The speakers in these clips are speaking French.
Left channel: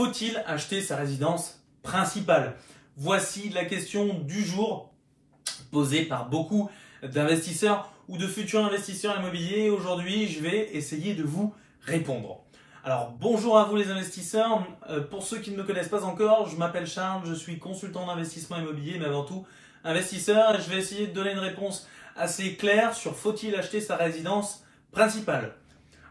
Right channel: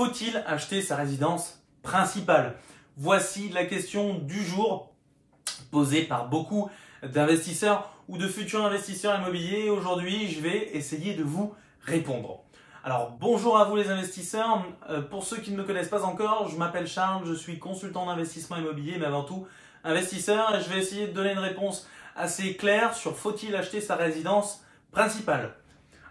Faut-il acheter sa résidence principale? Voici la question du jour posée par beaucoup d'investisseurs ou de futurs investisseurs immobiliers. Aujourd'hui, je vais essayer de vous répondre. Alors, bonjour à vous les investisseurs. Pour ceux qui ne me connaissent pas encore, je m'appelle Charles, je suis consultant d'investissement immobilier, mais avant tout investisseur. Et je vais essayer de donner une réponse assez claire sur faut-il acheter sa résidence principale.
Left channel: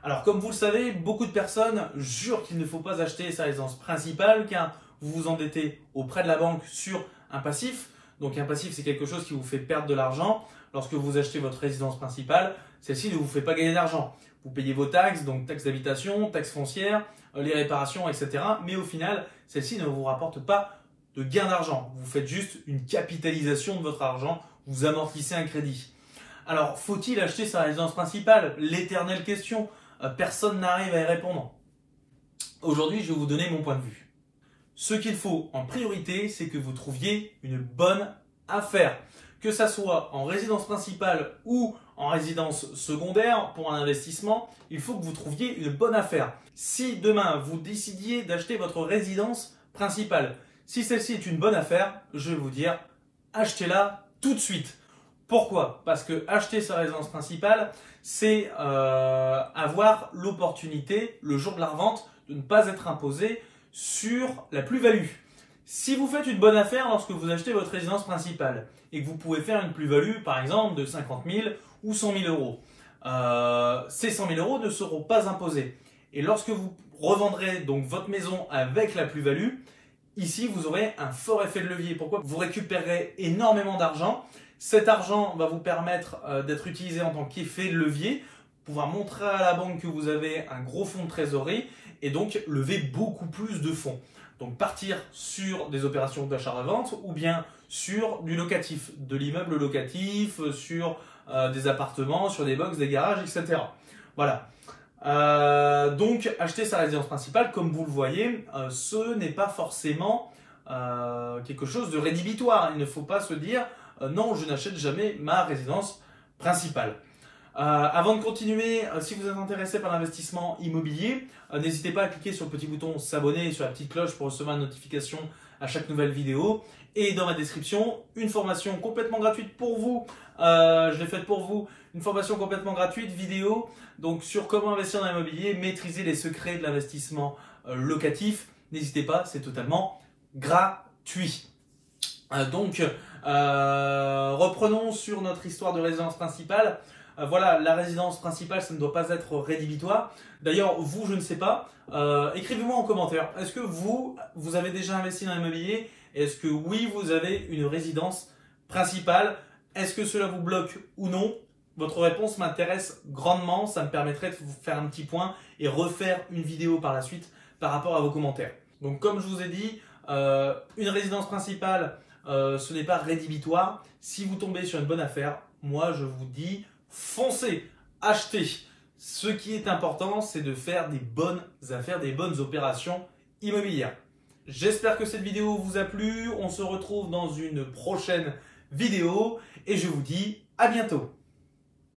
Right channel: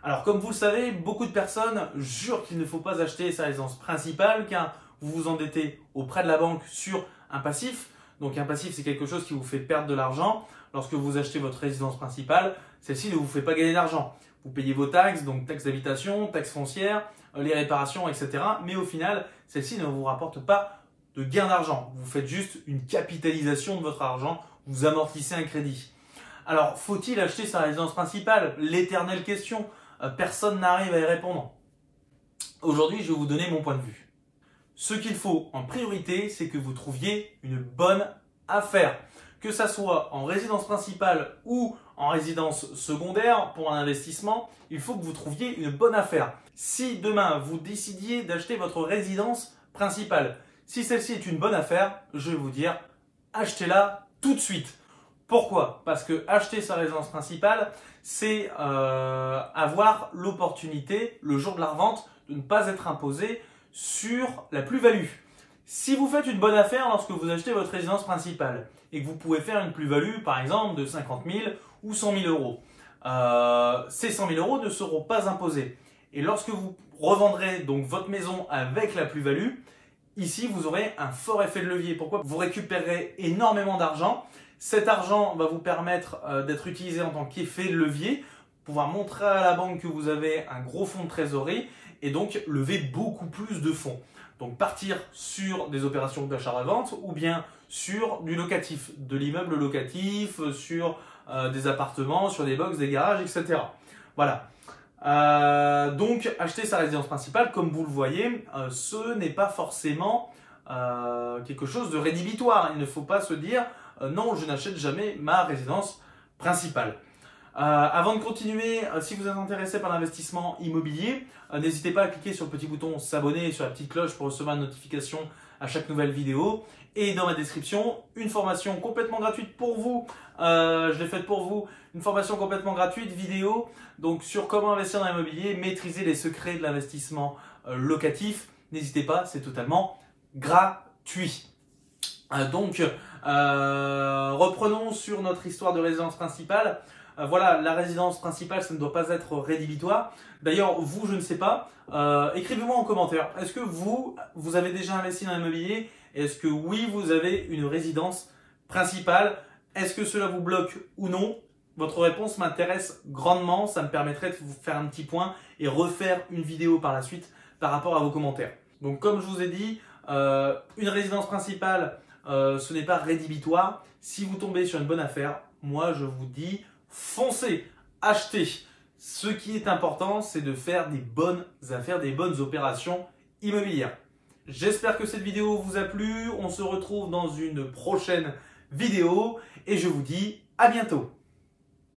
Alors, comme vous le savez, beaucoup de personnes jurent qu'il ne faut pas acheter sa résidence principale car vous vous endettez auprès de la banque sur un passif. Donc, un passif, c'est quelque chose qui vous fait perdre de l'argent. Lorsque vous achetez votre résidence principale, celle-ci ne vous fait pas gagner d'argent. Vous payez vos taxes, donc taxes d'habitation, taxes foncières, les réparations, etc. Mais au final, celle-ci ne vous rapporte pas de gain d'argent. Vous faites juste une capitalisation de votre argent, vous amortissez un crédit. Alors, faut-il acheter sa résidence principale? L'éternelle question. Personne n'arrive à y répondre. Aujourd'hui, je vais vous donner mon point de vue. Ce qu'il faut en priorité, c'est que vous trouviez une bonne affaire. Que ça soit en résidence principale ou en résidence secondaire pour un investissement, il faut que vous trouviez une bonne affaire. Si demain, vous décidiez d'acheter votre résidence principale, si celle-ci est une bonne affaire, je vais vous dire, achetez-la tout de suite. Pourquoi? Parce que acheter sa résidence principale, c'est avoir l'opportunité, le jour de la revente, de ne pas être imposé sur la plus-value. Si vous faites une bonne affaire lorsque vous achetez votre résidence principale et que vous pouvez faire une plus-value, par exemple, de 50 000 ou 100 000 euros, ces 100 000 euros ne seront pas imposés. Et lorsque vous revendrez donc votre maison avec la plus-value, ici, vous aurez un fort effet de levier. Pourquoi? Vous récupérerez énormément d'argent. Cet argent va vous permettre d'être utilisé en tant qu'effet de levier, pouvoir montrer à la banque que vous avez un gros fonds de trésorerie et donc lever beaucoup plus de fonds. Donc partir sur des opérations d'achat-revente ou bien sur du locatif, de l'immeuble locatif, sur des appartements, sur des box, des garages, etc. Voilà. Donc acheter sa résidence principale, comme vous le voyez, ce n'est pas forcément quelque chose de rédhibitoire. Il ne faut pas se dire non, je n'achète jamais ma résidence principale. Avant de continuer, si vous êtes intéressé par l'investissement immobilier, n'hésitez pas à cliquer sur le petit bouton s'abonner et sur la petite cloche pour recevoir une notification à chaque nouvelle vidéo. Et dans ma description, une formation complètement gratuite pour vous. Je l'ai faite pour vous, une formation complètement gratuite vidéo donc sur comment investir dans l'immobilier, maîtriser les secrets de l'investissement locatif. N'hésitez pas, c'est totalement gratuit. Reprenons sur notre histoire de résidence principale. Voilà, la résidence principale, ça ne doit pas être rédhibitoire. D'ailleurs, vous, je ne sais pas. Écrivez-moi en commentaire. Est-ce que vous avez déjà investi dans l'immobilier? Est-ce que oui, vous avez une résidence principale? Est-ce que cela vous bloque ou non? Votre réponse m'intéresse grandement. Ça me permettrait de vous faire un petit point et refaire une vidéo par la suite par rapport à vos commentaires. Donc, comme je vous ai dit, une résidence principale, ce n'est pas rédhibitoire. Si vous tombez sur une bonne affaire, moi, je vous dis foncez, achetez. Ce qui est important, c'est de faire des bonnes affaires, des bonnes opérations immobilières. J'espère que cette vidéo vous a plu. On se retrouve dans une prochaine vidéo et je vous dis à bientôt.